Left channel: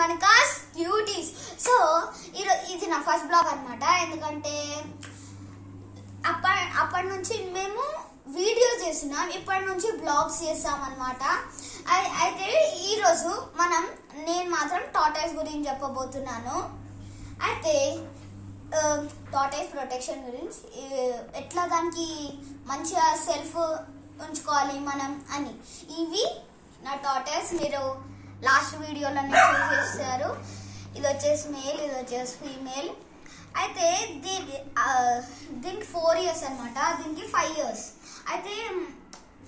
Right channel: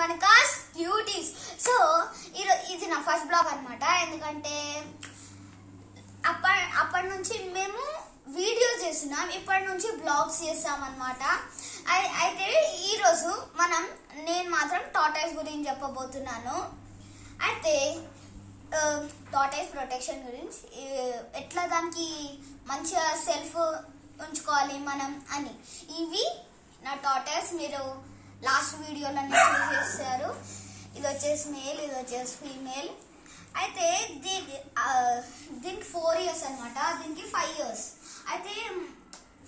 Manika's Cuties. So, ఇది నా first blog అన్నమాట. ఎందుకంటే అప్పటి నుంచి మేము వీడియో చేస్తున్నాం, ఇప్పటి నుంచి బ్లాగ్స్ చేస్తాం అన్నమాట. అయితే ఈ రోజు నేను మాత్రం టార్టాయిస్ గురించి చెప్పబోతున్నాను. అయితే టార్టాయిస్ ప్రొటెక్షన్ గురించి, ఎట్లా దానికి మంచిగా సెల్ఫ్ ఉంచుకోవాలి మనం అని. ఇవి నా టార్టాయిస్, మీరు లాస్ట్ వీడియోలో చూసేస్తారు. ఇది వచ్చేసి మేల్, ఇది వచ్చేసి ఫీమేల్. అయితే దీనికి 4 years అనమాట, దీనికి 5 years. అయితే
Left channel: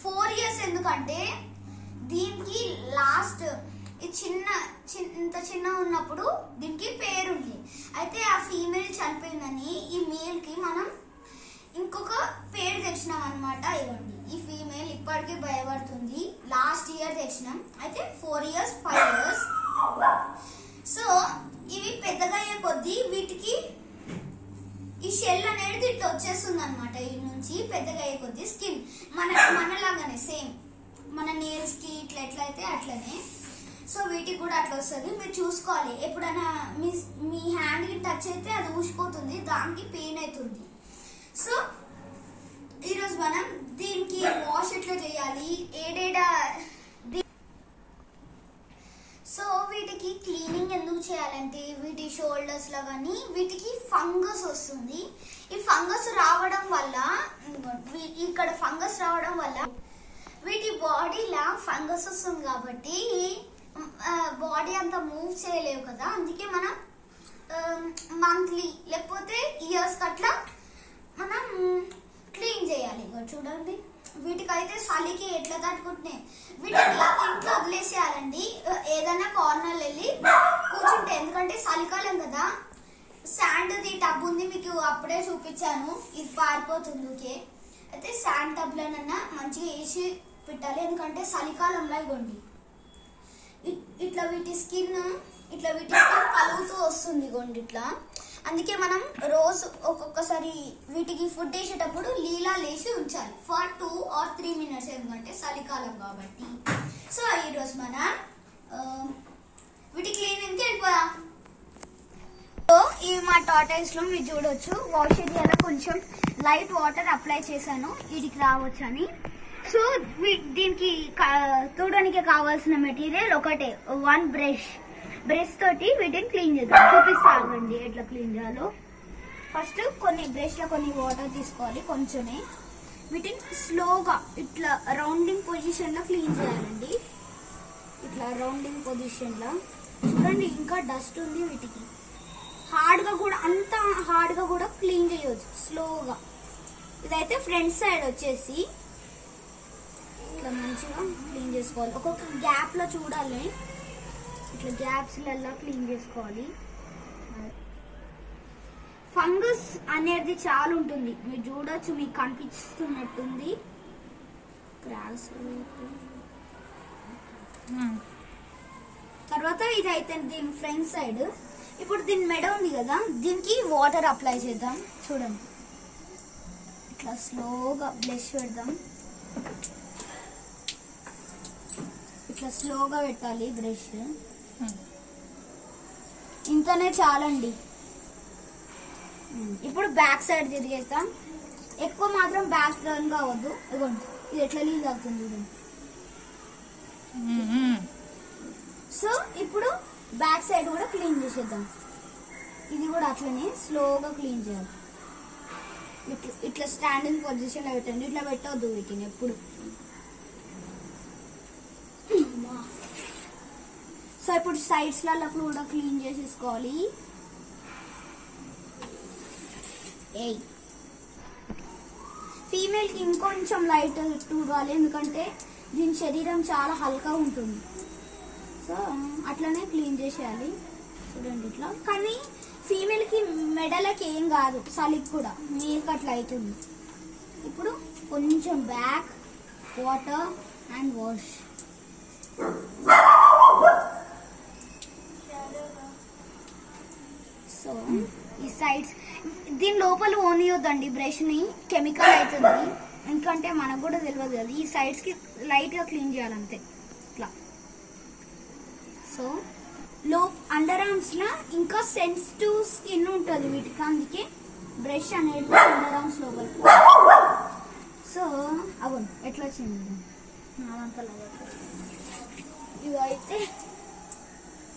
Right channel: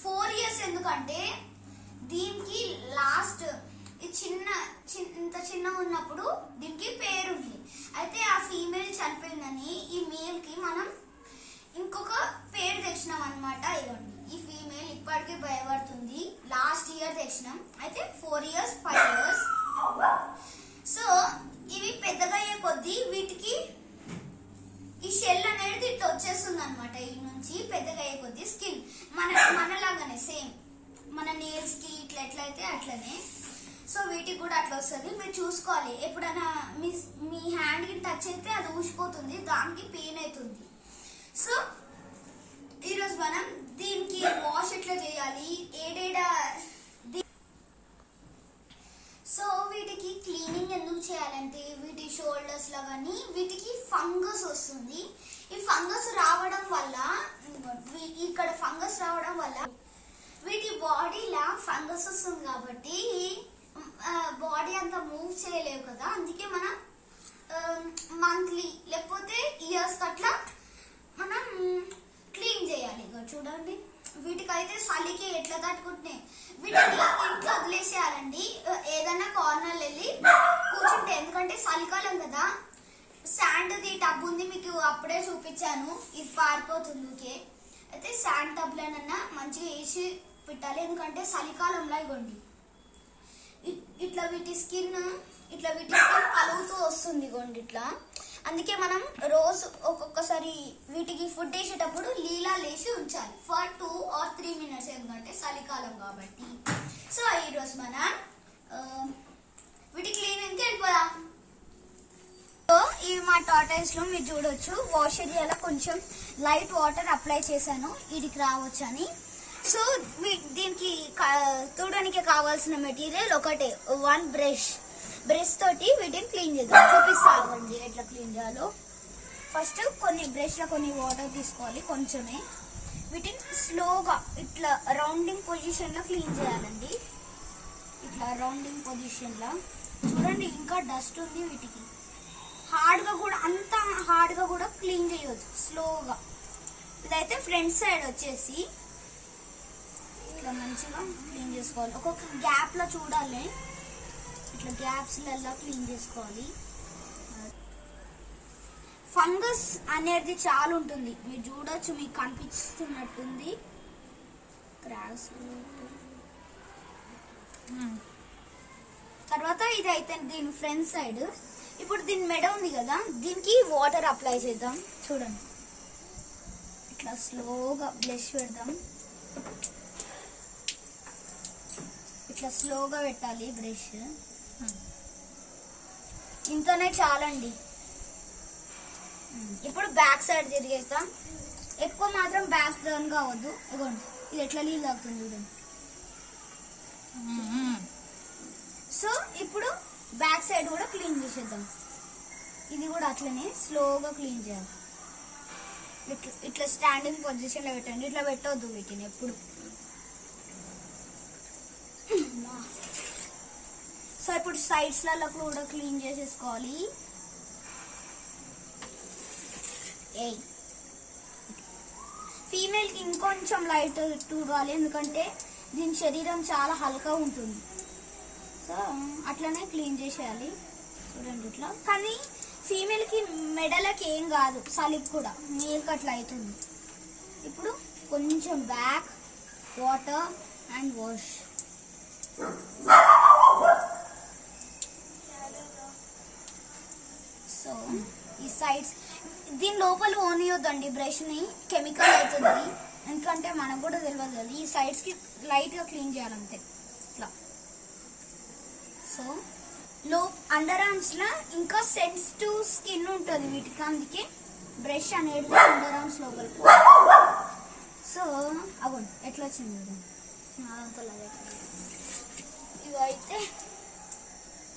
4 years ఎందుకంటే దీనికి లాస్ట్ ఇంత చిన్న ఉన్నప్పుడు దీనికి పేరుంది. అయితే ఆ ఫీమేల్ చనిపోయిందని ఈ మేల్ కి మనం ఇంకొక పేరు తెచ్చినాం అనమాట. ఇవ్వండి, ఈ ఫీమేల్ ఇప్పటికీ భయపడుతుంది. లాస్ట్ ఇయర్ తెచ్చినాం. అయితే 4 years 5 years. సో ఇవి పెద్దగా అయ్యే కొద్దీ వీటికి ఈ షెల్ అనేది ఇట్లా వచ్చేస్తుంది అనమాట. ఈ నుంచి పెద్దగా అయ్యే కొద్దీ స్కిన్ మనలాగానే సేమ్ మన నేల్స్ కి ఇట్లా ఎట్లయితే అట్లనే. సో వీటికి కూడా అట్లా వస్తుంది. మీరు చూసుకోవాలి, ఎప్పుడైనా మీ హ్యాండ్ కి టచ్ అయితే అది ఊసిపోతుంది, దానికి పెయిన్ అవుతుంది. సో ఈరోజు మనం దీనికి వాష్ ఎట్లా చేయాలి, సో వీటికి క్లీనింగ్ ఎందుకు చేయాలంటే, వీటి షోల్డర్స్ లో కానీ వీటికి ఫంగస్ వస్తుంది. ఈ ఫంగస్ రావడం వల్ల, ఇక్కడ ఫంగస్ రావడం వల్ల వీటి బాడీలా ఫంగస్ వస్తుంది కాబట్టి బాడీ అంతా మూవ్ చేయలేవు కదా. అందుకే మనం మంత్లీ లేకపోతే ఇయర్స్ కట్లా మనం క్లీన్ చేయాలి. చూడండి, వీటికైతే చలికి ఎట్లా తట్టుకుంటున్నాయి. వీటిని ఇంట్లో వదిలేసేయాలండి, ఏదైనా కార్నర్ వెళ్ళి కూర్చుంటే. ఎందుకంటే చలికాలం కదా. శాండ్ది టబ్ ఉంది, మీకు అప్పుడే చూపించాను, ఇది పారిపోతుంది. ఓకే, అయితే శాండ్ టబ్ లోనన్నా మంచిగా వేసి పెట్టాలి. ఎందుకంటే చలికాలంలో ఇవ్వండి ఇట్లా వీటి స్కిన్ కలుగుతూ వస్తుంది. ఇవ్వండి ఇట్లా. అందుకే మనం రోజు ఒక్కొక్కసారి వీటికి ఫుడ్ వేసేటప్పుడు లీలా లేసి ఉంచాలి ఫర్ 2 or 3 minutes, ఎందుకంటే చలికాలం కాబట్టి. సో ఈరోజు మనం వీటి క్లీనింగ్ కి వెళ్ళిపోయాం. సో ఇవి మా టార్టాయిస్ లో మీరు చూడొచ్చు. వాష్ ఏరియాలో కొంచెం లైట్ వాటర్ అప్లై చేశాను, వీటికి రావచ్చు అని. సో దీనికి తోడడానికి కావాల్సిన మెటీరియల్ ఒకటే, 1 brush తోటి వీటిని క్లీన్ చేద్దాం. చూపిస్తానండి ఎట్లా క్లీన్ చేయాలో. ఫస్ట్ కొన్ని బ్రష్ లో కొన్ని వాటర్ తీసుకోవాలి, కొంచెమే. వీటిని స్లోగా ఇట్లా రౌండింగ్ పొజిషన్ లో క్లీన్ చేయాలండి. ఇట్లా రౌండింగ్ పొజిషన్ లో. చూడండి, ఇంకా డస్ట్ ఉంది వీటికి. అంత హార్డ్ గా కూడా క్లీన్ చేయొచ్చు స్లోగా. ఇదైతే ఫ్రంట్ సైడ్ వచ్చేసి ఇట్లా మంచిగా క్లీన్ చేసుకోవాలి. ఒక్కొక్క గ్యాప్ లో చూడాలి, ఇట్లా గ్యాప్స్ లలో క్లీన్ చేసుకోవాలి. ఫంగస్ అనేది చాలా ఉంటుంది, మీరు చూడొచ్చు, మీకు కనిపిస్తున్నట్టుంది. తర్వాత ఇదైతే దీని ఫ్రంట్ సైడ్. ఇప్పుడు దీని మెడ ఉంది కదా, దీనికి వాటర్ అప్లై చేద్దాం. చూడండి, ఇట్లా స్లోగా బ్రష్ పెడదాం. ఇట్లా స్లోగా పెట్టాలి బ్రష్. ఇంతనే చాలండి. ఇప్పుడు బ్యాక్ సైడ్ తిరిగేస్తాం. ఎక్కువ మాత్రం బ్యాక్ టర్న్ కావద్దు. ఇవ్వండి, ఇది ఎట్లా లీక్ అవుతుంది చూడండి. సో ఇప్పుడు బ్యాక్ సైడ్ కూడా క్లీన్ చేసేద్దాం. ఇది కూడా అట్లనే స్లోగా క్లీన్ చేయాలి. ఇట్లా స్టాండింగ్ పొజిషన్ లో పెట్టండి, ఇట్లా పెట్టవద్దు వీటిని ఎప్పుడు. సో ఇప్పుడు సైడ్స్ లలో కూడా క్లీన్ చేసేసుకోవాలి. ఫీమేల్ కి ఇంకొంచెం లైట్ తూగాలి, ఎందుకంటే దీని శరీరం చాలా హల్కా ఉంటుంది. సో అట్లనే క్లీన్ చేసేయాలి. చూడండి ఇట్లా. కానీ ఫీమేల్ కి మెడలకి ఏం కాదు, చలికి కూడా మేల్కి అట్లా అవుతుంది. ఇప్పుడు కొంచెం back water and wash. So ఈ సైడ్స్ దీని లోపల ఓనియొద్దండి బ్రష్ ని, కెమికల్ అవుతుంది. ఎందుకంటే మనకు కూడా తెలియదు కదా. ఈ సైడ్స్ కి లైట్ గా క్లీన్ చేయాలంతే ఇట్లా. సో అండర్ ఆర్మ్స్ లా ఇంకా సెన్సిటివ్ స్కిన్ ఉంటుంది వీటికి, అందుకే బ్రష్ అనేది అండర్ ఆర్మ్స్ లోపలికి. సో అవును ఎట్లా వచ్చింది నాదంతా ఇవైతే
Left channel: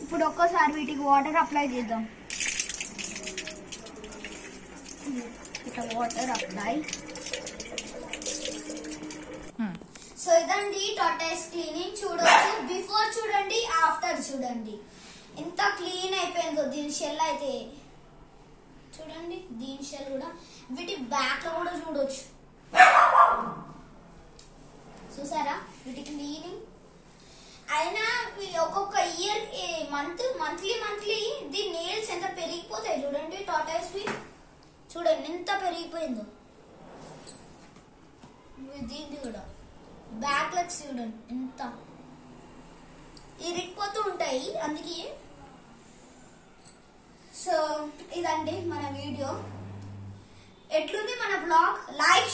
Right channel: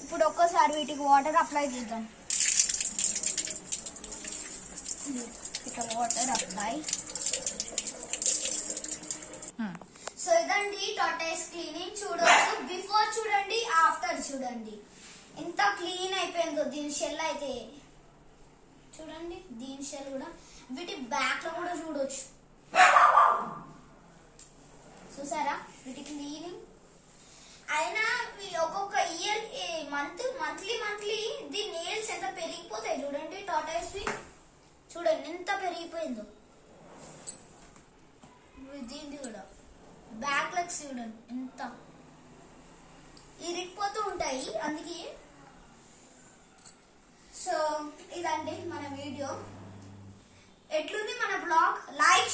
ఇప్పుడు ఒక్కసారి వీటికి వాటర్ అప్లై చేద్దాం. ఇట్లా వాటర్ అప్లై. సో ఇదండి టార్టాయిస్ క్లీనింగ్. చూడొచ్చు, బిఫోర్ చూడండి, ఆఫ్టర్ చూడండి ఎంత క్లీన్ అయిపోయిందో. దీని షెల్ అయితే చూడండి, దీని షెల్ కూడా, వీటి బ్యాక్ లో కూడా చూడొచ్చు. చూసారా వీటి క్లీనింగ్. అయినా ఒక్కొక్క ఇయర్ మంత్లీ దీని నెయిల్స్ ఎంత పెరిగిపోతాయి చూడండి. టార్టాయిస్ చూడండి ఎంత పెరిగిపోయిందో. దీన్ని కూడా బ్యాక్ లెగ్స్ చూడండి ఎంత ఇరిగిపోతూ ఉంటాయి, అందుకే. సో ఇదండి మన వీడియో. ఎట్లుంది మన బ్లాగ్? లైక్